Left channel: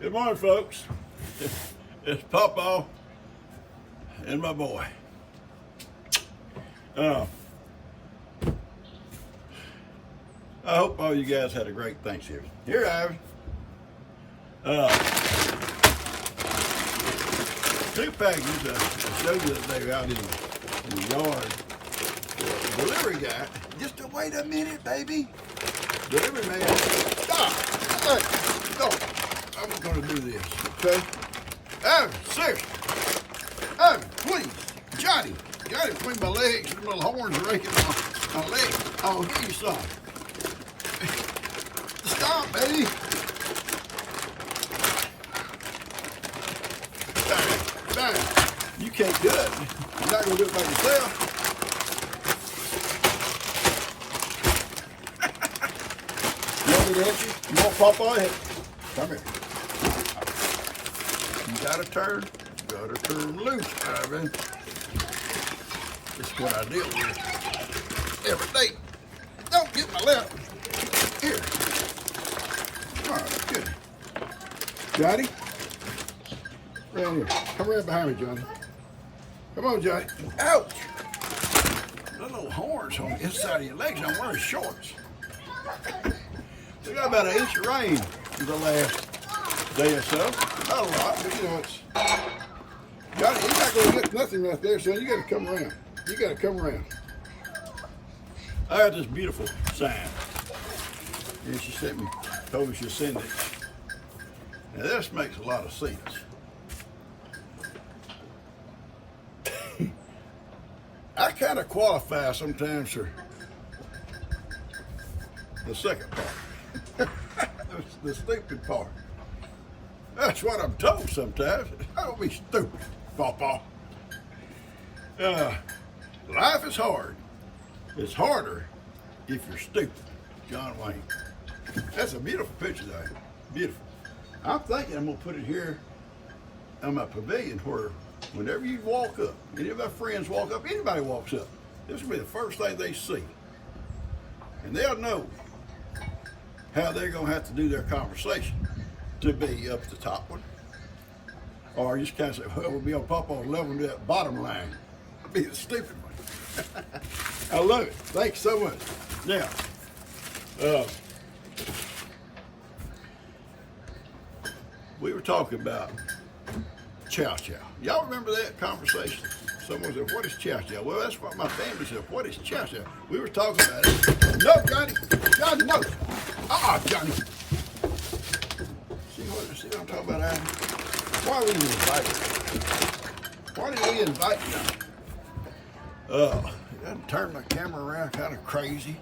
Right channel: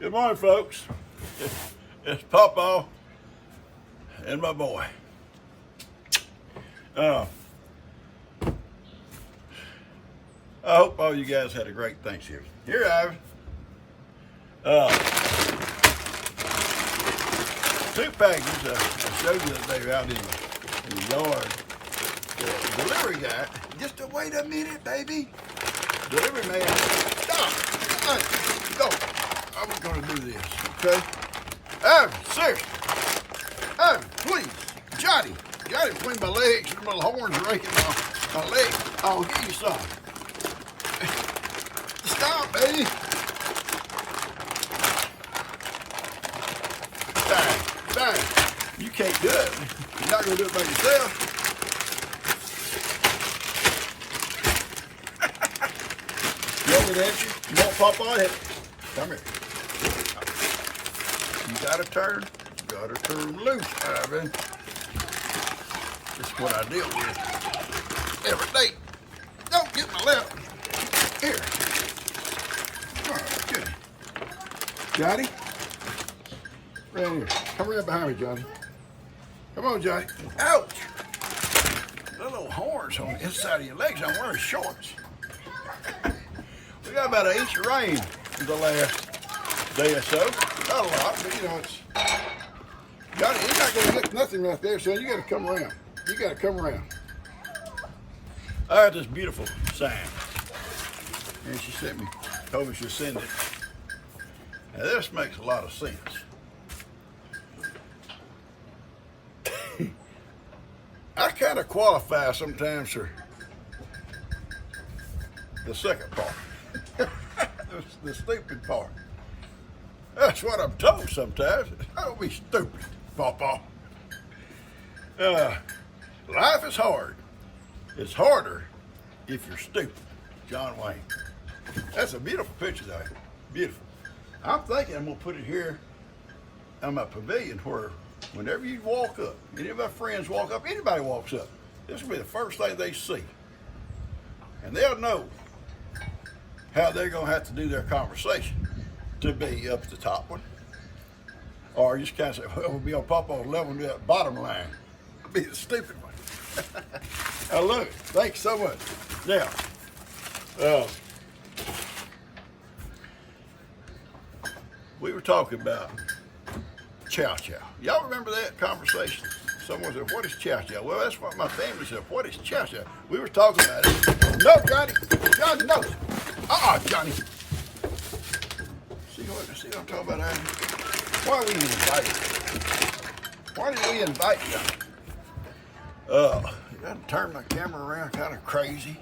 Good morning, folks. It's Papa and my boy. I hope all you guys had a great Thanksgiving. Here I have two packages I showed you the day out in the yard. The delivery guy, just wait a minute, baby. Delivery man, stop. I'm going to do this, okay? Evan, seriously. Evan, please. Johnny, between my legs, the little horns raking my legs. I'll give you some. Stop, baby. Bang. You can't do it. You're not going to do it by yourself. You want me to help you? You want Papa to help you? Come here. You gotta turn loose, Ivan. This is what I deal with every day. Don't get my left. Here. All right, good. Johnny, right here. Come right behind me, Johnny. Come on, Johnny. Ouch! The little horns on the inside of your legs. I'm wearing shorts. We got about an inch of rain the last day or so. Not a lot, but you know it's. Johnny, you're not going to get nothing right there, son. You got to come around. You got to come around. I had this beautiful sign, and she told me she'd send it. Now this makes a lot of sense. I kind of qualify sometimes for the second part. The stupid part. That's what I'm told sometimes. Don't be stupid, Papa. Life is hard. It's harder if you're stupid. John Wayne. That's a beautiful picture, though. Beautiful. I'm thinking I'm going to put it here on my pavilion where whenever you walk up, any of my friends walk up, anybody walks up, this will be the first thing they see. And they'll know how they're going to have to do their conversation to be up the top one. Or you just kind of say, well, we'll be on Papa's level and do that bottom line. Be the stupid one. I love it. Thanks so much. Now, we were talking about Chow. Y'all remember that conversation? Someone said, what is Chow? Well, that's what my family said. What is Chow? We were talking about it. No, Johnny. Johnny, no. Johnny. See what I'm talking about, Adam? Why we invited? Why did we invite you? I turned my camera around kind of crazy.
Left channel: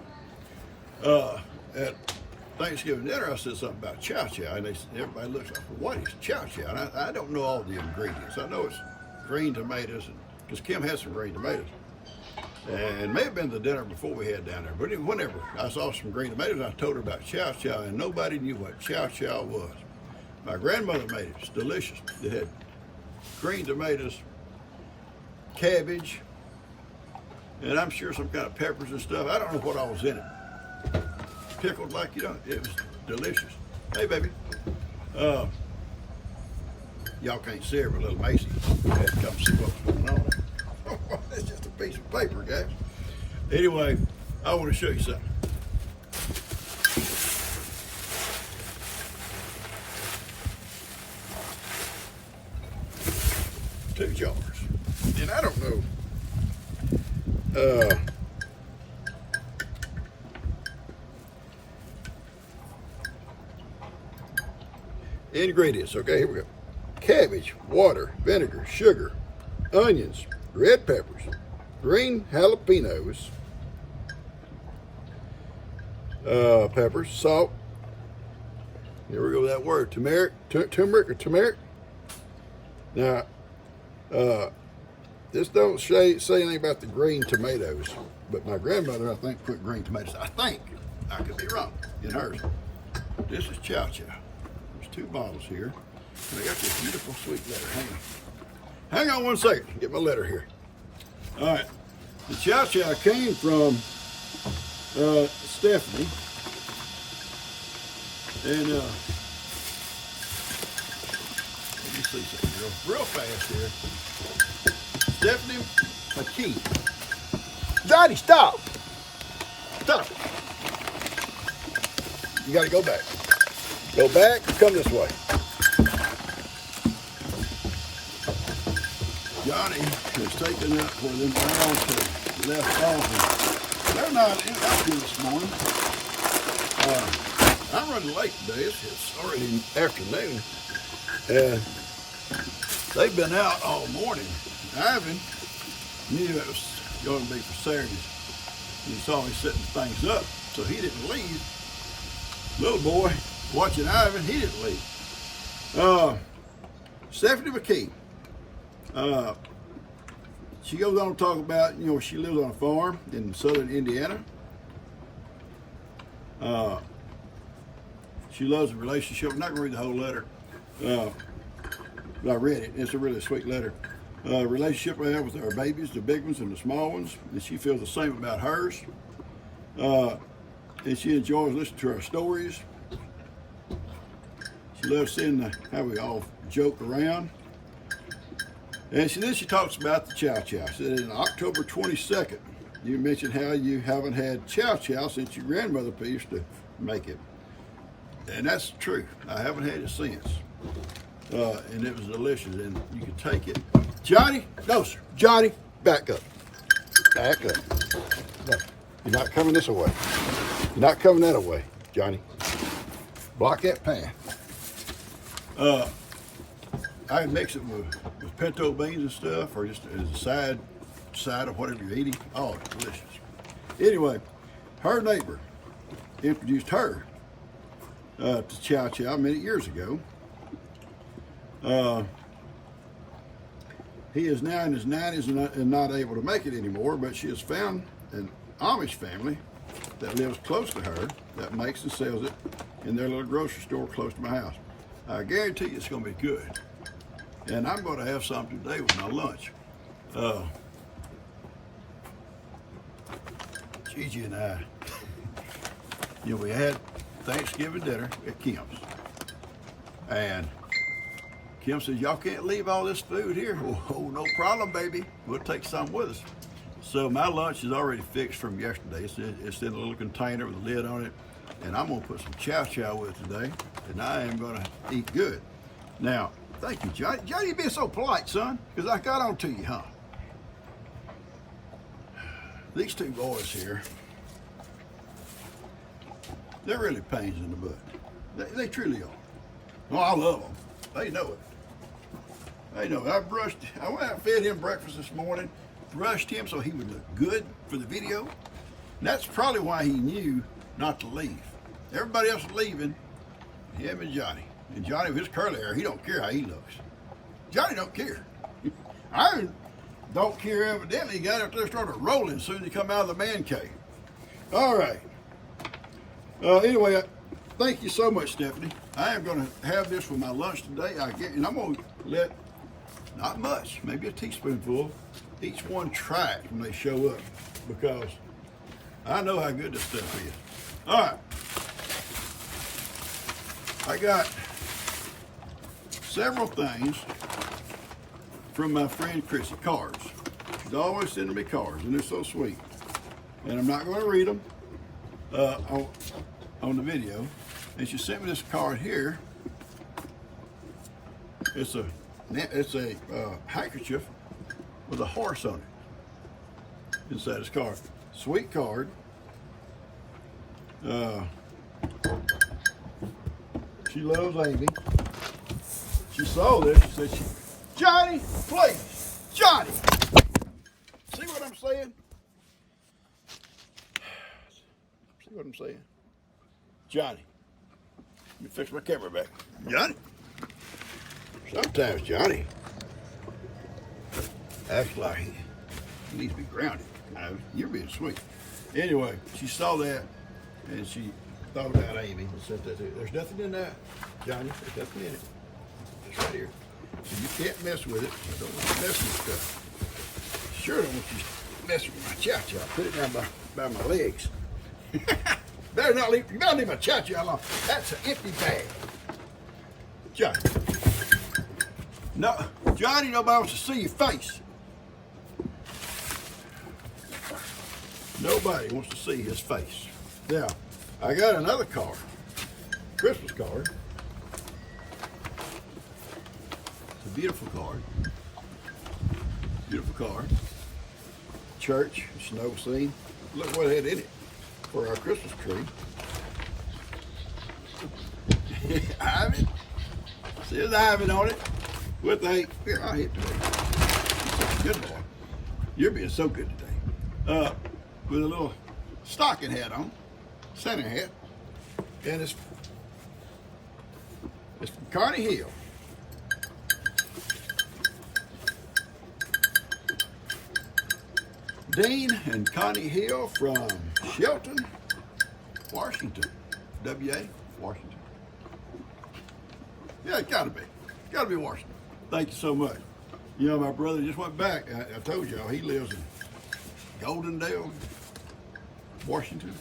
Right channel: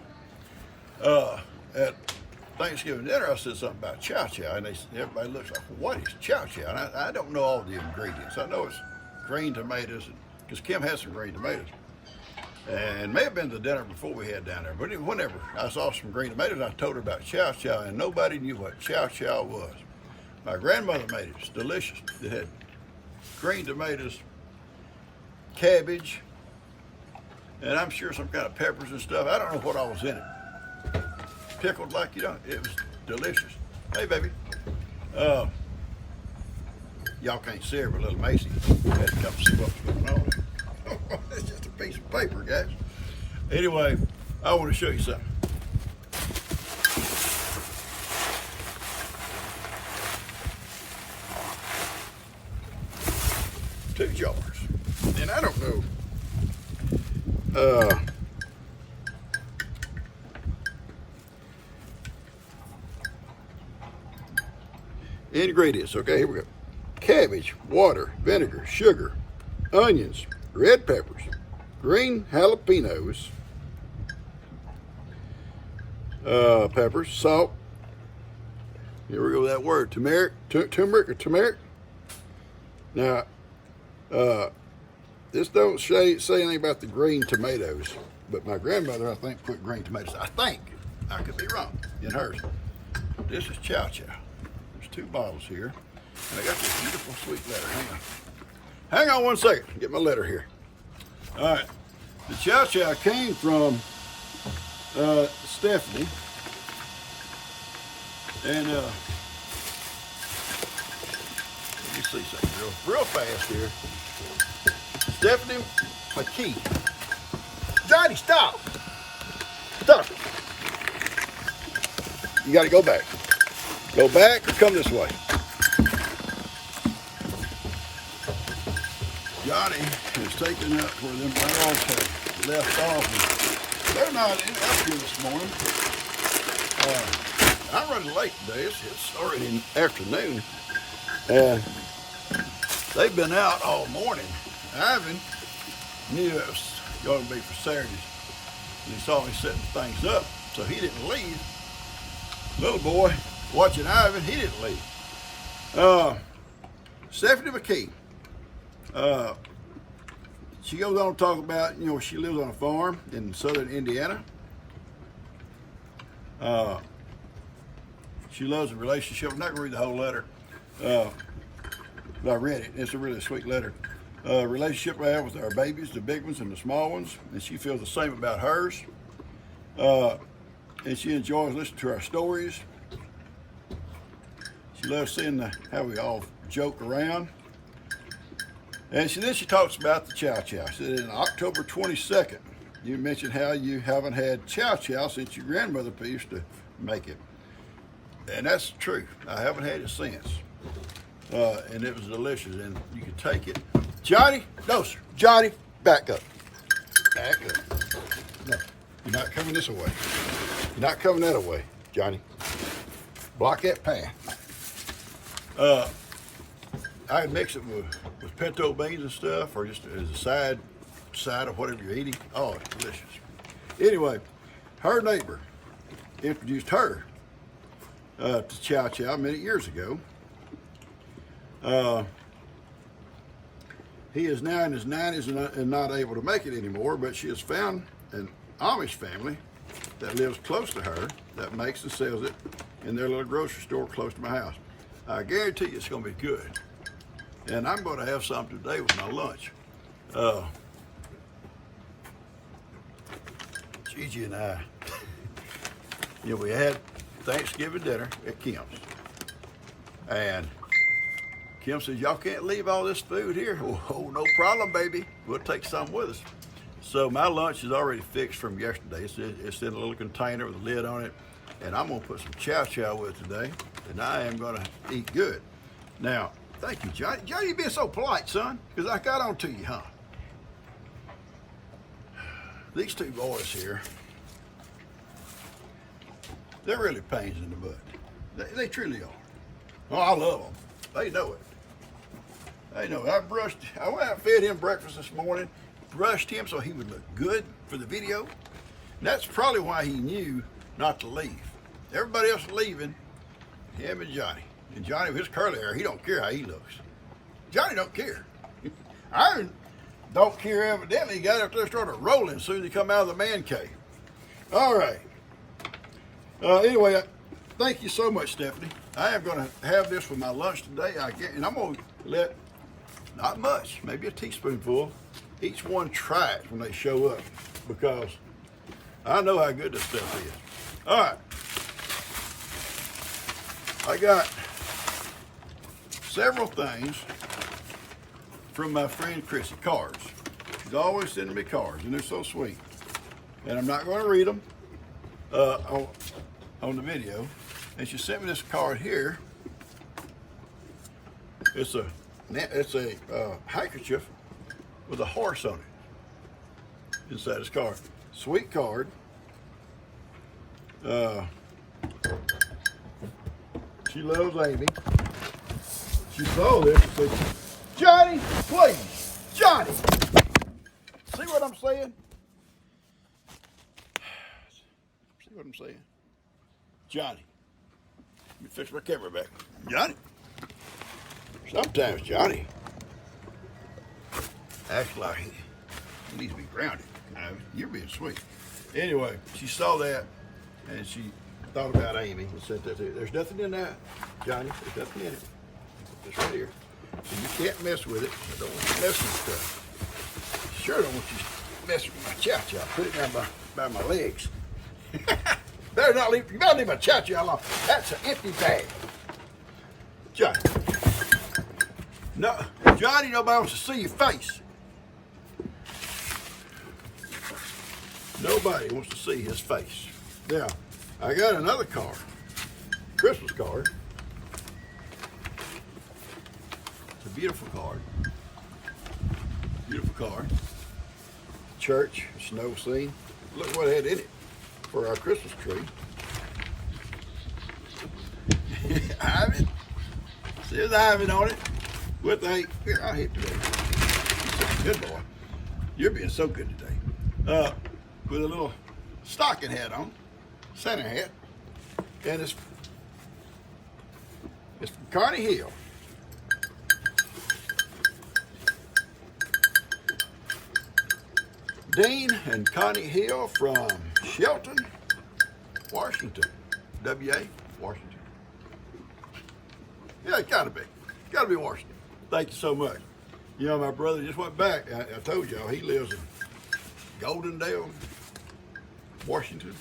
At Thanksgiving dinner, I said something about Chow, and everybody looks like, well, what is Chow? And I don't know all the ingredients. I know it's green tomatoes, because Kim has some green tomatoes. And it may have been the dinner before we had down there, but whenever I saw some green tomatoes, I told her about Chow, and nobody knew what Chow was. My grandmother made it. It's delicious. It had green tomatoes, cabbage, and I'm sure some kind of peppers and stuff. I don't know what all was in it. Pickled like you don't. It was delicious. Hey, baby. Y'all can't see her, but little Macy had to come see what was going on. It's just a piece of paper, guys. Anyway, I want to show you something. Two jars. And I don't know. Ingredients. Okay, here we go. Cabbage, water, vinegar, sugar, onions, red peppers, green jalapenos, peppers, salt. Here we go with that word, turmeric or turmeric. Now, this don't say anything about the green tomatoes, but my grandmother, I think, put green tomatoes. I think. I could be wrong in hers. This is Chow. There's two bottles here, and I got this beautiful sweet letter. Hang on 1 second. Get my letter here. All right. The Chow came from Stephanie, and see something real fast here. Stephanie McKee. Johnny, stop. Stop it. You got to go back. Go back and come this way. Johnny is taking up where them browns have left off. They're not out here this morning. I'm running late today. It's already in the afternoon. And they've been out all morning. Ivan knew it was going to be for Saturdays. And he saw me setting things up, so he didn't leave. Little boy watching Ivan, he didn't leave. Stephanie McKee. She goes on to talk about, she lives on a farm in southern Indiana. She loves a relationship. I'm not going to read the whole letter. But I read it. It's a really sweet letter. Relationship I have with our babies, the big ones and the small ones, and she feels the same about hers. And she enjoys listening to our stories. She loves seeing how we all joke around. And then she talks about the Chow. She said, on October 22nd, you mentioned how you haven't had Chow since your grandmother used to make it. And that's true. I haven't had it since. And it was delicious, and you could take it. Johnny, no, sir. Johnny, back up. Back up. No, you're not coming this way. You're not coming that way, Johnny. Block that path. I mix it with pinto beans and stuff, or just as a side of whatever you're eating. Oh, it's delicious. Anyway, her neighbor introduced her to Chow many years ago. He is now in his 90s and not able to make it anymore, but she has found an Amish family that lives close to her that makes and sells it in their little grocery store close to my house. I guarantee you it's going to be good. And I'm going to have some today with my lunch. Gigi and I, we had Thanksgiving dinner at Kim's. And Kim says, y'all can't leave all this food here. Oh, no problem, baby. We'll take some with us. So my lunch is already fixed from yesterday. It's in a little container with a lid on it. And I'm going to put some Chow with it today. And I am going to eat good. Now, thank you, Johnny. Johnny, you're being so polite, son, because I got on to you, huh? These two boys here, they're really pains in the butt. They truly are. Oh, I love them. They know it. They know it. I went out and fed him breakfast this morning, brushed him so he would look good for the video. And that's probably why he knew not to leave. Everybody else is leaving, him and Johnny. And Johnny, with his curly hair, he don't care how he looks. Johnny don't care. Iron don't care evidently. He got up there and started rolling as soon as he come out of the man cave. All right. Anyway, thank you so much, Stephanie. I am going to have this for my lunch today. And I'm going to let, not much, maybe a teaspoonful, each one try it when they show up, because I know how good this stuff is. All right. I got several things from my friend Chrissy, cards. She's always sending me cards, and they're so sweet. And I'm not going to read them on the video. And she sent me this card here. It's a handkerchief with a horse on it inside this card. Sweet card. She loves Amy. She saw this and said, Johnny, please, Johnny. See what I'm saying? See what I'm saying? Johnny. Let me fix my camera back. Johnny. Sometimes Johnny acts like he needs to be grounded. No, you're being sweet. Anyway, she saw that and she thought about Amy and said that there's nothing in that, Johnny. There's nothing in it. It's right here. You can't mess with it. I don't want you messing with stuff. Sure don't want you messing with my Chow. Put it down by my legs. Better not leave my Chow alone. That's an empty bag. Johnny. No, Johnny, nobody wants to see your face. Nobody wants to see his face. Now, I got another card, Christmas card. It's a beautiful card. Beautiful card. Church, snow scene. Look what it had in it for our Christmas tree. Ivan. Says Ivan on it. With a, here, I'll hit you. Good boy. You're being so good today. With a little stocking hat on, Santa hat, and it's from Connie Hill. Dean and Connie Hill from Shelton, Washington. W.A. Washington. Yeah, it gotta be. Gotta be Washington. Thank you so much. You know, my brother just went back. I told y'all he lives in Goldendale, Washington.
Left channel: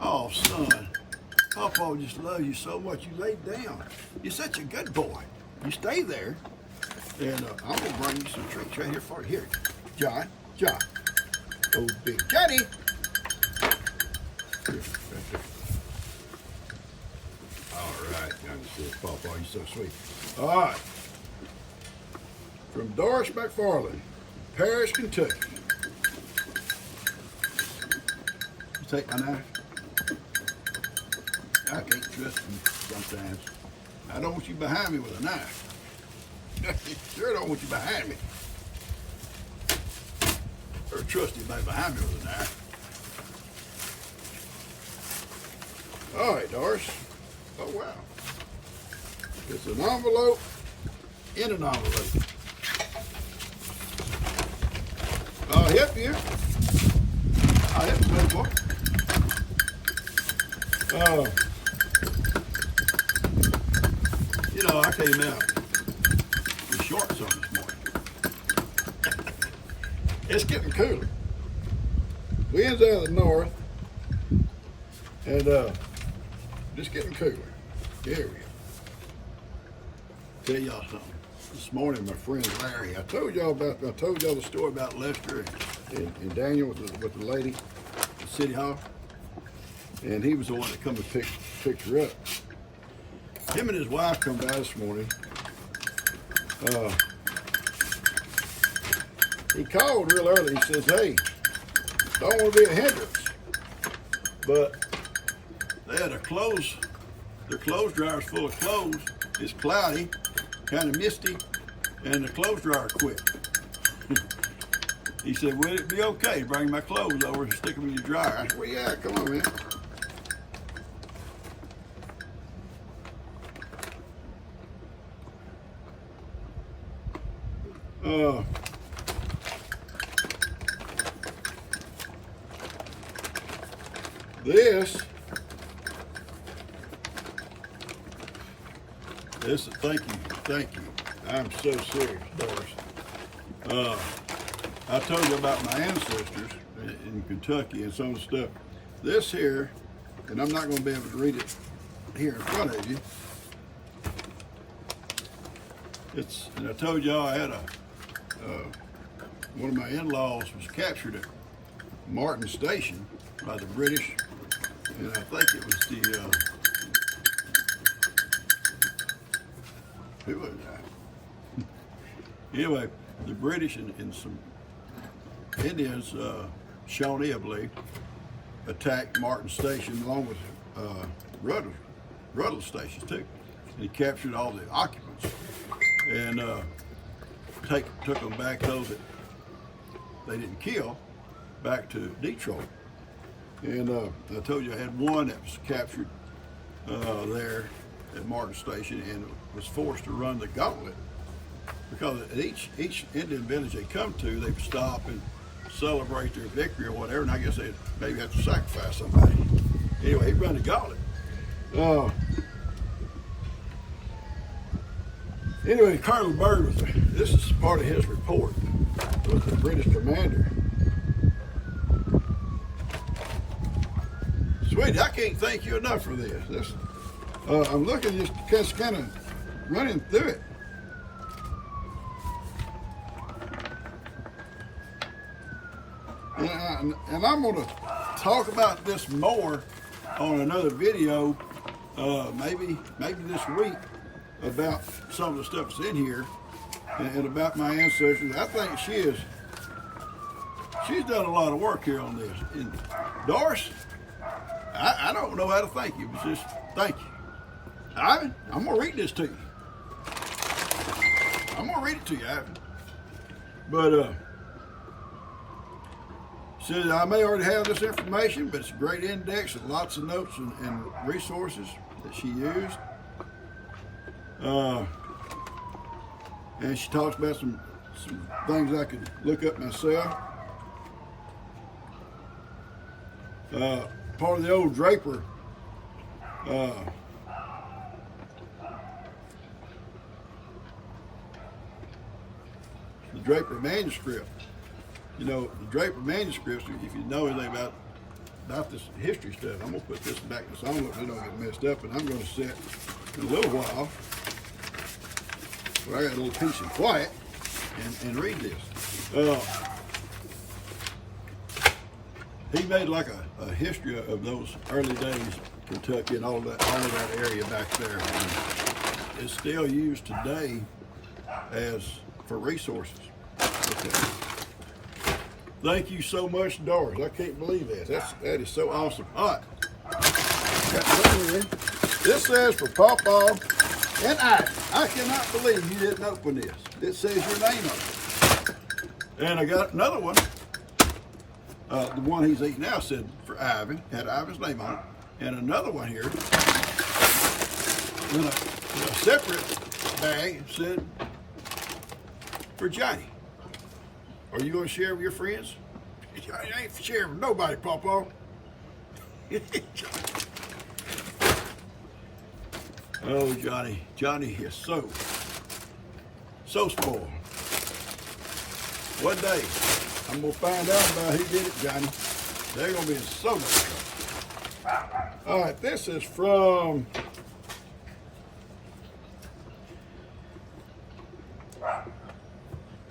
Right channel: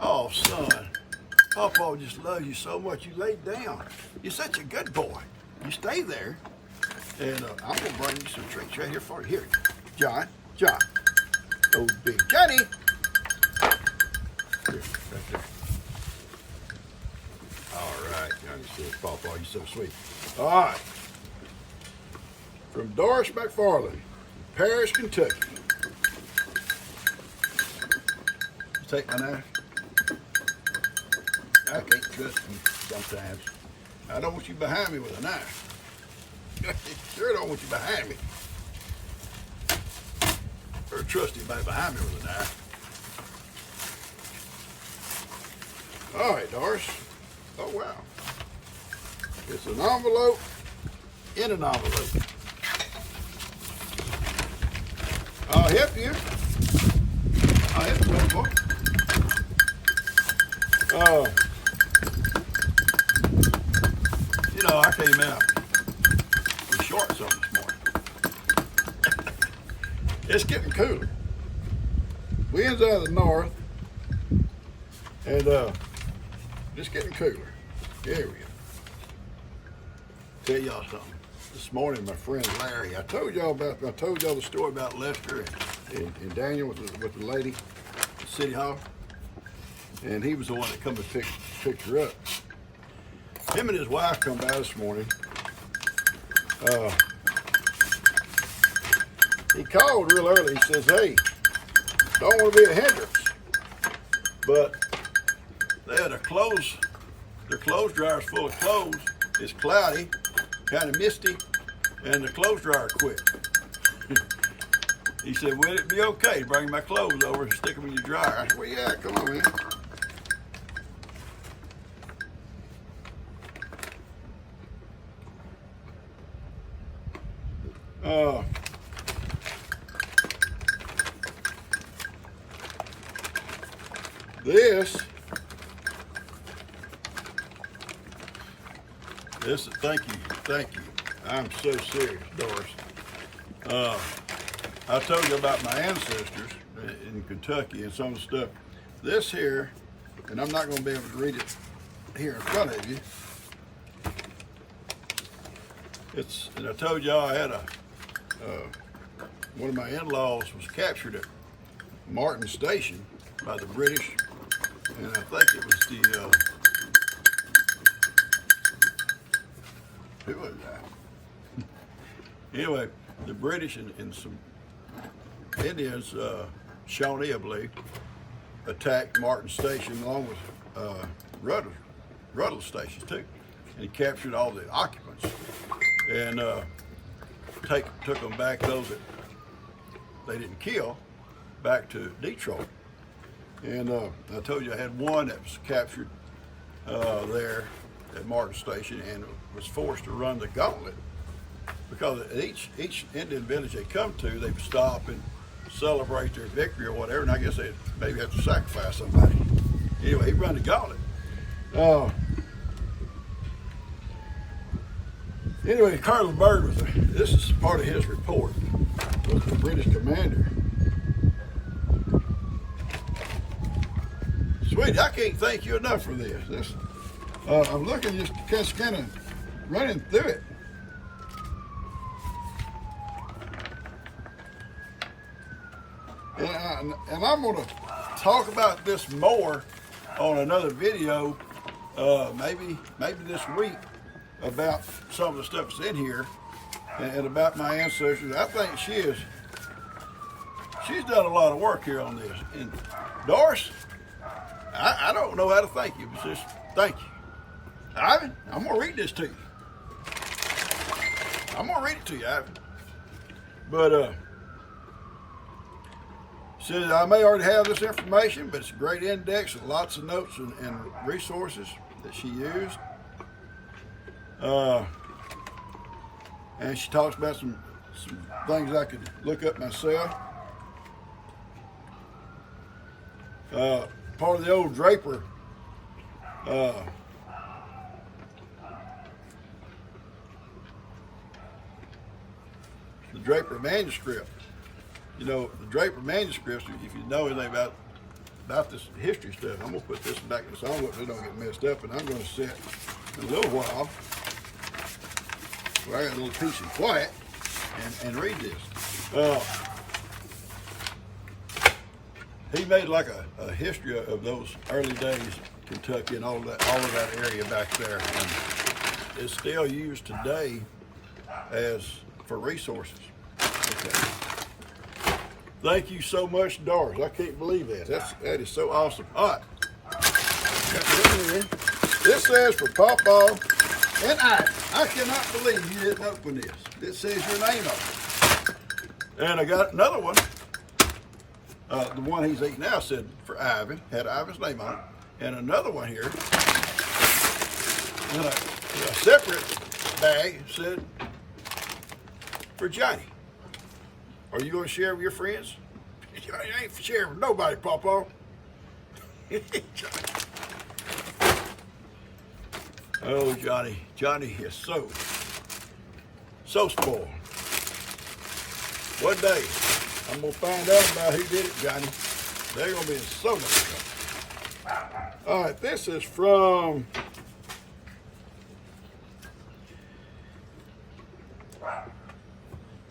Oh, son. Papa just loves you so much. You laid down. You're such a good boy. You stay there. And I'm going to bring you some treats right here for you. Here, John. Oh, big Johnny. Here, right there. All right. Johnny says, Papa, you're so sweet. All right. From Doris McFarland, Paris, Kentucky. You take my knife? I can't trust you sometimes. I don't want you behind me with a knife. Sure don't want you behind me. Or trust anybody behind me with a knife. All right, Doris. Oh, wow. It's an envelope in an envelope. I'll help you. I'll help you, little boy. You know, I came out with shorts on this morning. It's getting cooler. Winds out of the north, and just getting cooler. There we go. Tell y'all something. This morning, my friend Larry, I told y'all the story about Lester and Daniel with the lady at City Hall, and he was the one that come and picked her up. Him and his wife come by this morning. He called real early. He says, "Hey, don't want to be a hindrance, but they had their clothes dryer's full of clothes. It's cloudy, kind of misty, and the clothes dryer quit." He said, "Will it be okay to bring my clothes over and stick them in your dryer?" I said, "Well, yeah, come on, man." This, thank you. I'm so serious, Doris. I told you about my ancestors in Kentucky and some of the stuff. This here, and I'm not going to be able to read it here in front of you. And I told y'all I had one of my in-laws was captured at Martin Station by the British, and I think it was the, who was that? Anyway, the British and some Indians, Shawnee, I believe, attacked Martin Station along with Ruddle stations too. And he captured all the occupants and took them back, those that they didn't kill, back to Detroit. And I told you I had one that was captured there at Martin Station and was forced to run the gauntlet, because at each Indian village they come to, they would stop and celebrate their victory or whatever, and I guess they'd maybe have to sacrifice somebody. Anyway, he'd run the gauntlet. Anyway, Colonel Byrd, this is part of his report, was the British commander. Sweetie, I can't thank you enough for this. I'm looking just kind of running through it. And I'm going to talk about this more on another video, maybe this week, about some of the stuff that's in here and about my ancestors. I think she's done a lot of work here on this. And Doris, I don't know how to thank you, but just thank you. Ivan, I'm going to read this to you. I'm going to read it to you, Ivan. But, says I may already have this information, but it's a great index with lots of notes and resources that she used. And she talks about some things I could look up myself. Part of the old Draper the Draper manuscript. You know, the Draper manuscripts, if you know anything about this history stuff, I'm going to put this back in the envelope so they don't get messed up, and I'm going to sit in a little while where I got a little peace and quiet and read this. He made like a history of those early days, Kentucky and all of that area back there, and it's still used today as for resources. Okay. Thank you so much, Doris. I can't believe that. That is so awesome. All right. Got this in. This says for Pawpaw and I cannot believe you didn't open this. It says your name on it. And I got another one. The one he's eating now said for Ivan, had Ivan's name on it. And another one here, in a separate bag, said for Johnny. Are you going to share with your friends? I ain't sharing with nobody, Pawpaw. Oh, Johnny. Johnny is so spoiled. One day, I'm going to find out about who did it, Johnny. They're going to be in so much trouble. All right, this is from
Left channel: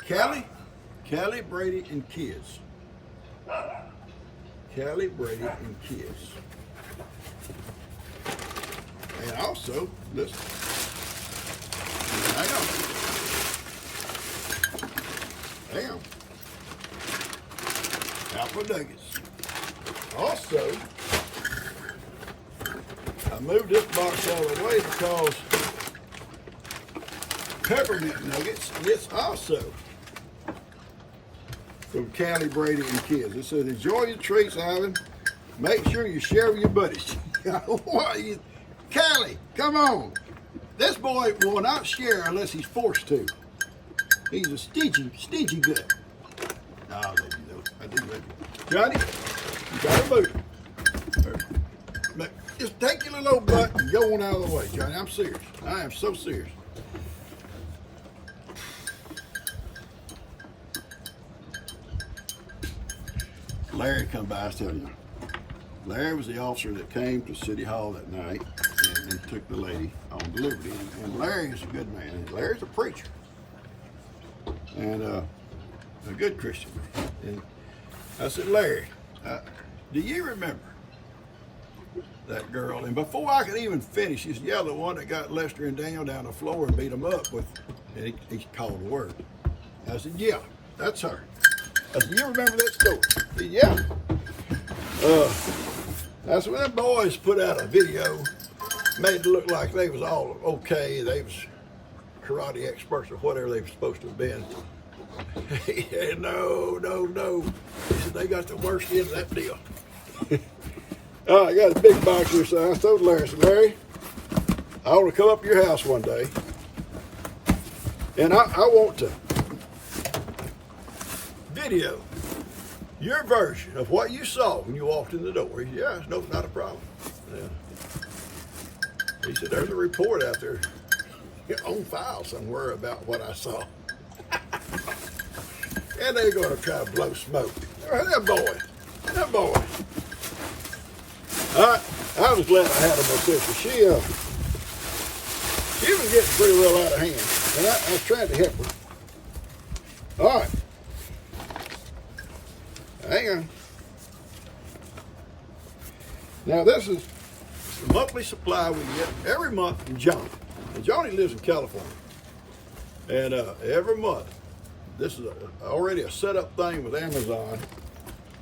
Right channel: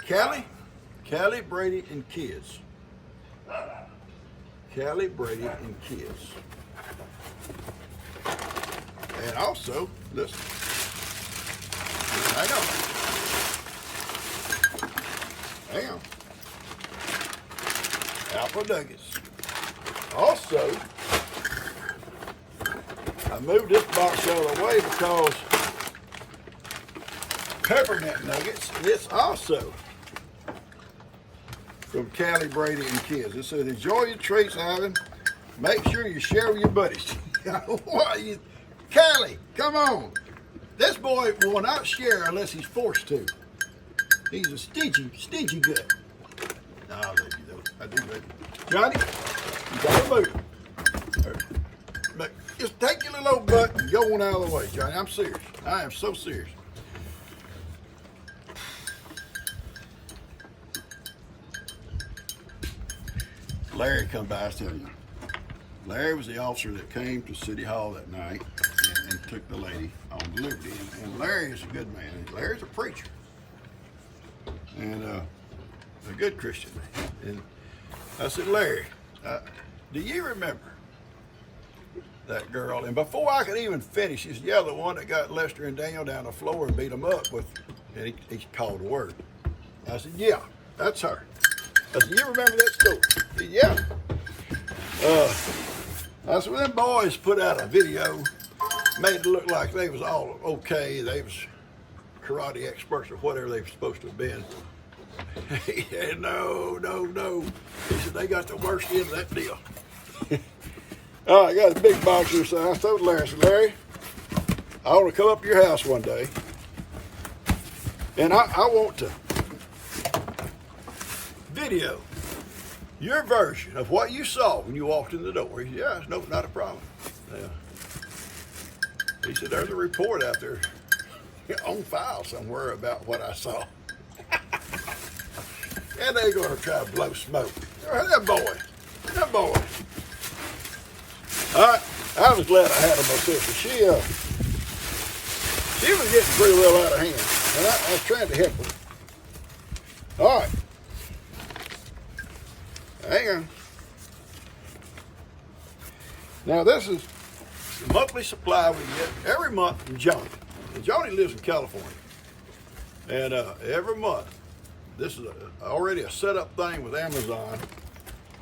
Callie Brady and Kids. Callie Brady and Kids. And also, listen. Hang on. Apple nuggets. Also, I moved this box out of the way because peppermint nuggets, it's also from Callie Brady and Kids. It says, enjoy your treats, Ivan. Make sure you share with your buddies. Callie, come on. This boy will not share unless he's forced to. He's a stingy gut. I love you though. I do love you. Johnny, you gotta move. Just take your little old butt and go on out of the way, Johnny. I'm serious. I am so serious. Larry come by, I was telling you. Larry was the officer that came to City Hall that night and took the lady on delivery. And Larry is a good man. Larry's a preacher. And a good Christian man. And I said, Larry, do you remember that girl? And before I could even finish, this yellow one that got Lester and Daniel down the floor and beat them up with, and he called a word. I said, yeah, that's her. I said, you remember that story? He said, yeah. I said, well, them boys put out a video, made it look like they was all okay. They was karate experts or whatever they were supposed to have been. He said, no. He said, they got the worst end of that deal. I got a big box here, so I told Larry, I said, Larry, I want to come up to your house one day, and I want to video your version of what you saw when you walked in the door. He said, yeah, no, not a problem. Yeah. He said, there's a report out there on file somewhere about what I saw. And they're going to try to blow smoke. That boy. I was glad I had her, my sister. She was was getting pretty well out of hand, and I was trying to help her. All right. Hang on. Now this is the monthly supply we get every month from Johnny. And Johnny lives in California. And every month, this is already a set-up thing with Amazon,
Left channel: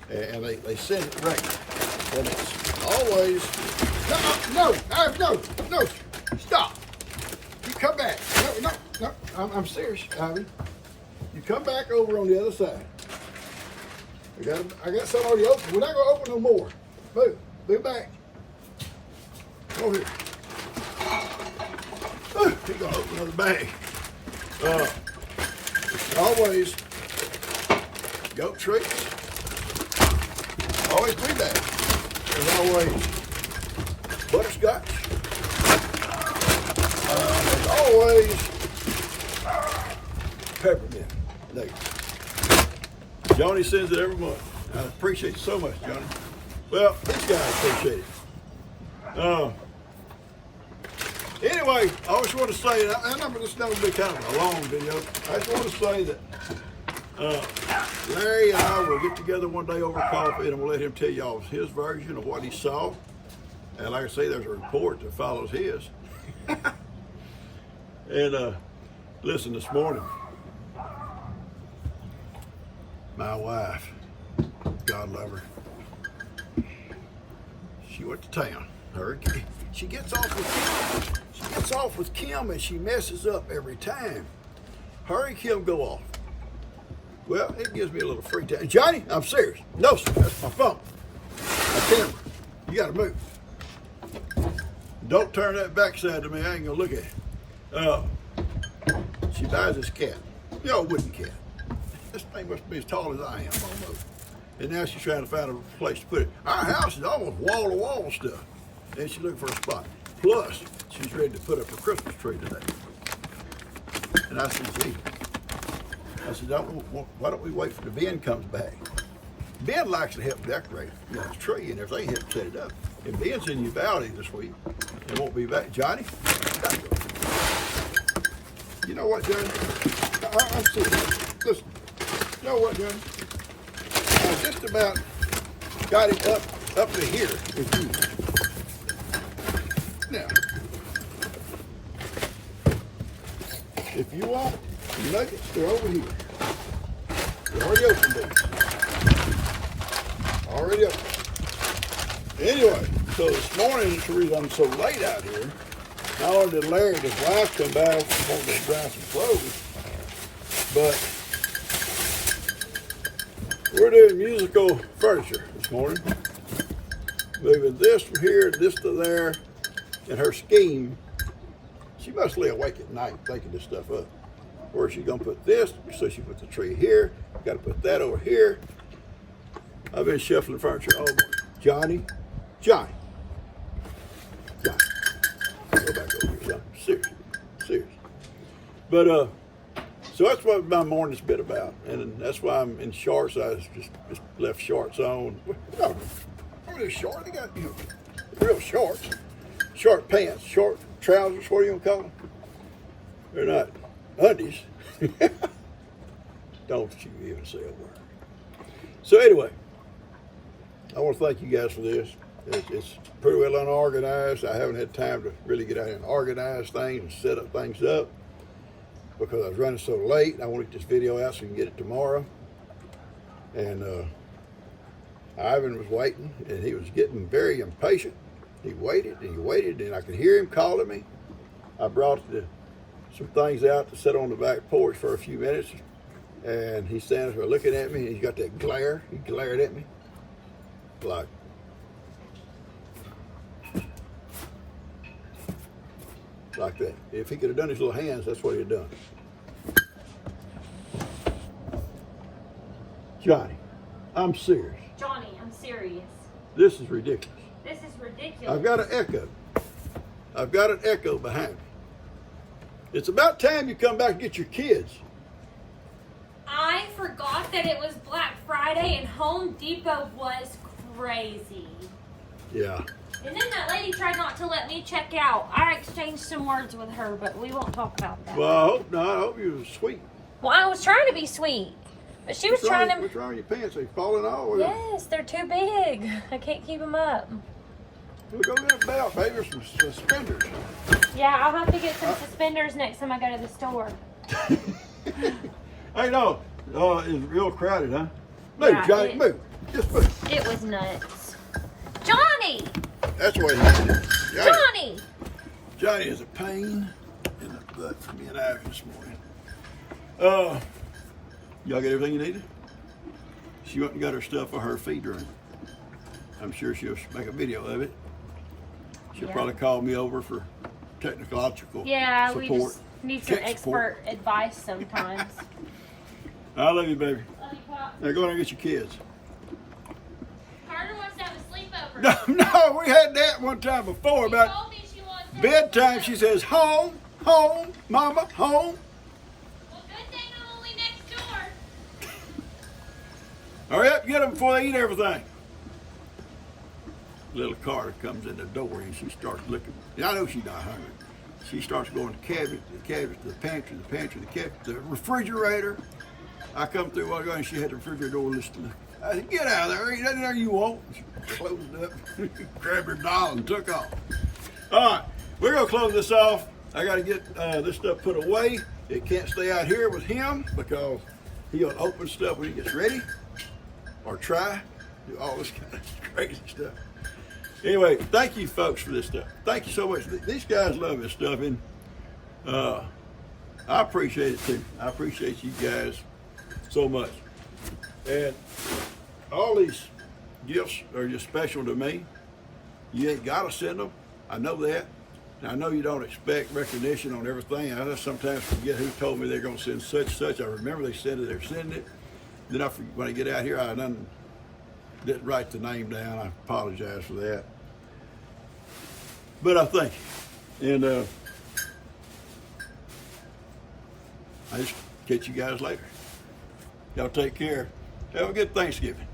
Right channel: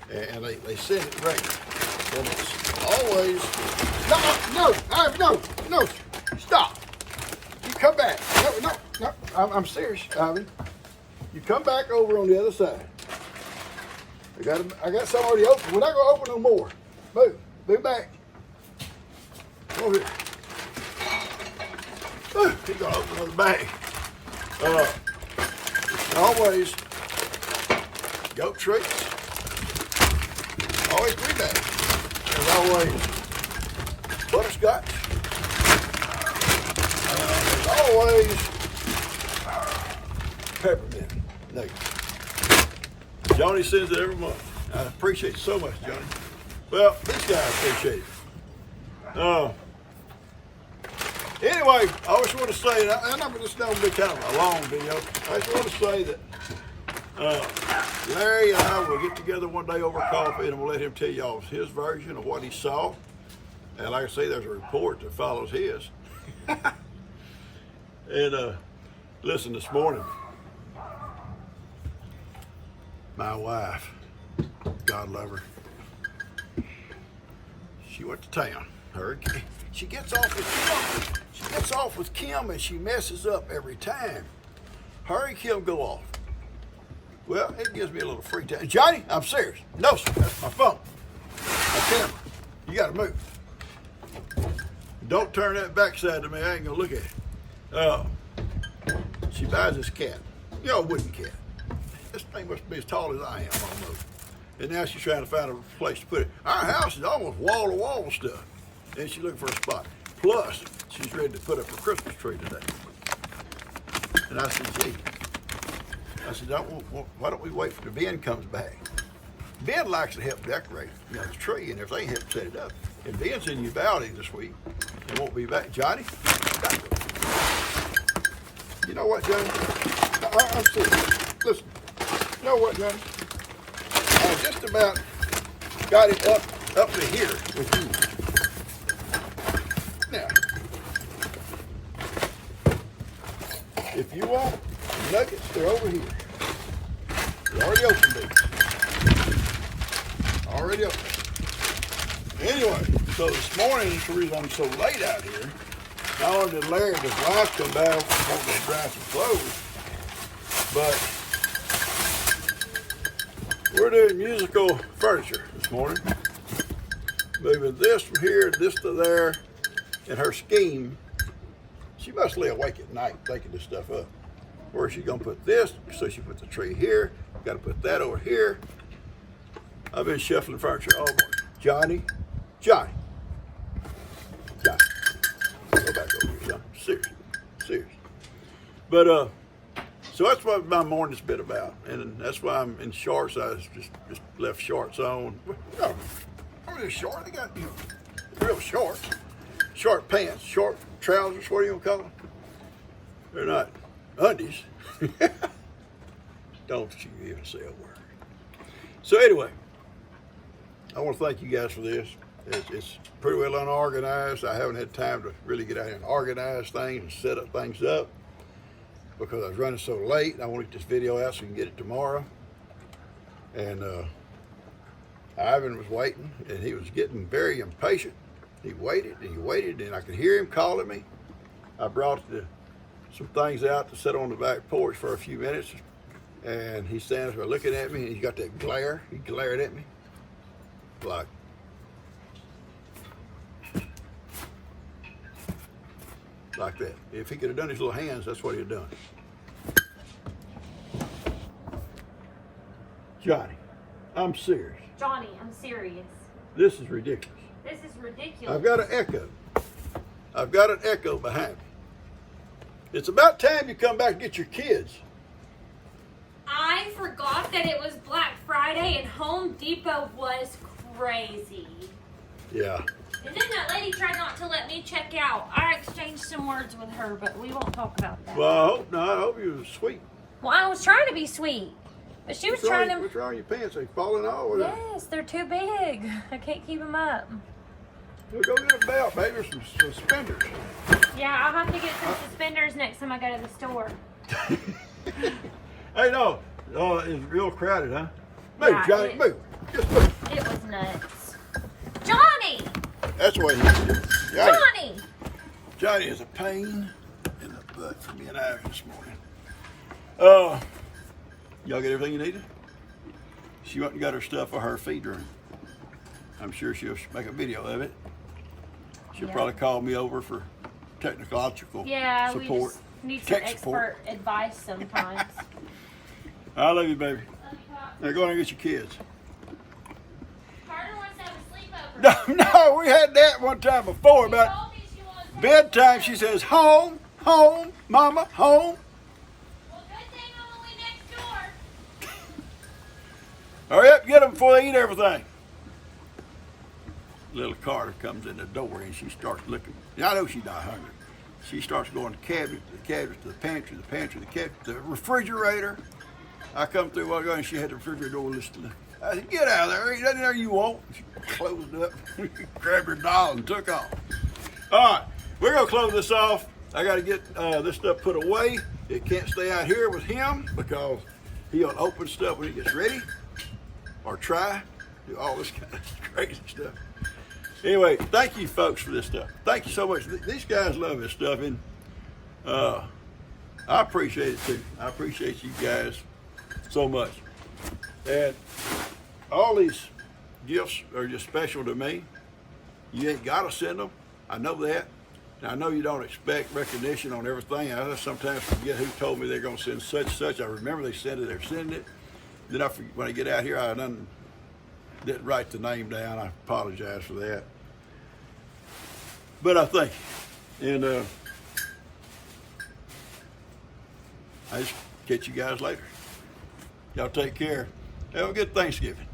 and they send it regular. And it's always, no, stop. You come back. No, I'm serious, Ivy. You come back over on the other side. I got some already open. We're not going to open no more. Move back. Go here. He's going to open another bag. Always goat treats. Always 3 bags. There's always butterscotch. And there's always peppermint nuggets. Johnny sends it every month. I appreciate it so much, Johnny. Well, this guy appreciates it. Anyway, I just want to say, and I'm just going to be kind of a long video. I just want to say that Larry and I will get together one day over coffee, and I'm going to let him tell y'all his version of what he saw. And like I say, there's a report that follows his. And listen, this morning, my wife, God love her, she went to town. She gets off with Kim, and she messes up every time. Her and Kim go off. Well, it gives me a little free time. Johnny, I'm serious. No, sir, that's my phone. My camera. You gotta move. Don't turn that backside to me. I ain't gonna look at it. She buys this cat. You know, a wooden cat. This thing must be as tall as I am almost. And now she's trying to find a place to put it. Our house is almost wall-to-wall stuff. And she's looking for a spot. Plus, she's ready to put up her Christmas tree today. And I said, gee. I said, why don't we wait for the Ben comes back? Ben likes to help decorate the tree and everything, help set it up. And Ben's in Uvalde this week. He won't be back. Johnny, you know what, Johnny? I'm serious. Listen, you know what, Johnny? I just about got it up to here with you. Now, if you want nuggets, they're over here. They're already open, baby. Already open. Anyway, so this morning, the reason I'm so late out here, not only did Larry and his wife come by, wanting to dry some clothes, but we're doing musical furniture this morning. Moving this from here, this to there, and her scheme, she must lay awake at night thinking this stuff up. Where's she gonna put this? So she puts the tree here, gotta put that over here. I've been shuffling furniture all morning. Johnny. Go back over here, Johnny. Serious. But so that's what my morning's been about, and that's why I'm in shorts. I just left shorts on. No, I'm really short. I got real shorts, short pants, short trousers. What are you gonna call them? They're not undies. Don't you even say a word. So anyway, I want to thank you guys for this. It's pretty well unorganized. I haven't had time to really get out here and organize things and set up things up because I was running so late. I want to get this video out so we can get it tomorrow. And Ivan was waiting, and he was getting very impatient. He waited, and I could hear him calling me. I brought some things out to sit on the back porch for a few minutes, and he's standing there looking at me, and he's got that glare. He glared at me like that. If he could have done his little hands, that's what he'd have done. Johnny, I'm serious. Johnny, I'm serious. This is ridiculous. This is ridiculous. I've got an echo. I've got an echo behind me. It's about time you come back and get your kids. I forgot that it was Black Friday and Home Depot was crazy. Yeah. And then that lady tried not to let me check out. I exchanged some words with her, but we won't talk about that. Well, I hope not. I hope you were sweet. Well, I was trying to be sweet. But she was What's trying wrong, to... What's wrong with your pants? Are they falling off? Yes, they're too big. I can't keep them up. We'll go get a belt, baby, or some suspenders. Yeah, I'll have to get some suspenders next time I go to the store. Hey, no. Oh, it's real crowded, huh? Move, Yeah, Johnny, move. Just move. It was nuts. Johnny! That's the way he is. Johnny! Johnny is a pain in the butt for me and Irish this morning. Y'all get everything you needed? She went and got her stuff for her feed room. I'm sure she'll make a video of it. She'll probably call me over for technological support. We just need some Tech expert support. advice sometimes. I love you, baby. Love you, Pop. Now go and get your kids. Carter wants to have a sleepover. No, we had that one time before She about told me she wants to have a bedtime. sleepover. She says, home, home, mama, home. Well, good thing I'm only next door. Hurry up, get them before they eat everything. Little Carter comes in the door and she starts looking. And I know she's not hungry. She starts going to the cabinet, to the pantry, the cabinet, the refrigerator. I come through one and she had the refrigerator door listed. I said, get out of there, ain't nothing there you want. She closed it up, grabbed her doll and took off. All right, we're gonna close this off. I gotta get this stuff put away. It can't stay out here with him because he'll open stuff when he gets ready or try, do all this kind of crazy stuff. Anyway, thank you folks for this stuff. Thank you so much. These guys love this stuff, and I appreciate it too. I appreciate you guys so much. And all these gifts are just special to me. You ain't gotta send them. I know that. And I know you don't expect recognition on everything. I just sometimes forget who told me they're gonna send such. I remember they said that they're sending it. Then when I get out here, I didn't write the name down. I apologize for that. But I thank you. And I just catch you guys later. Y'all take care. Have a good Thanksgiving.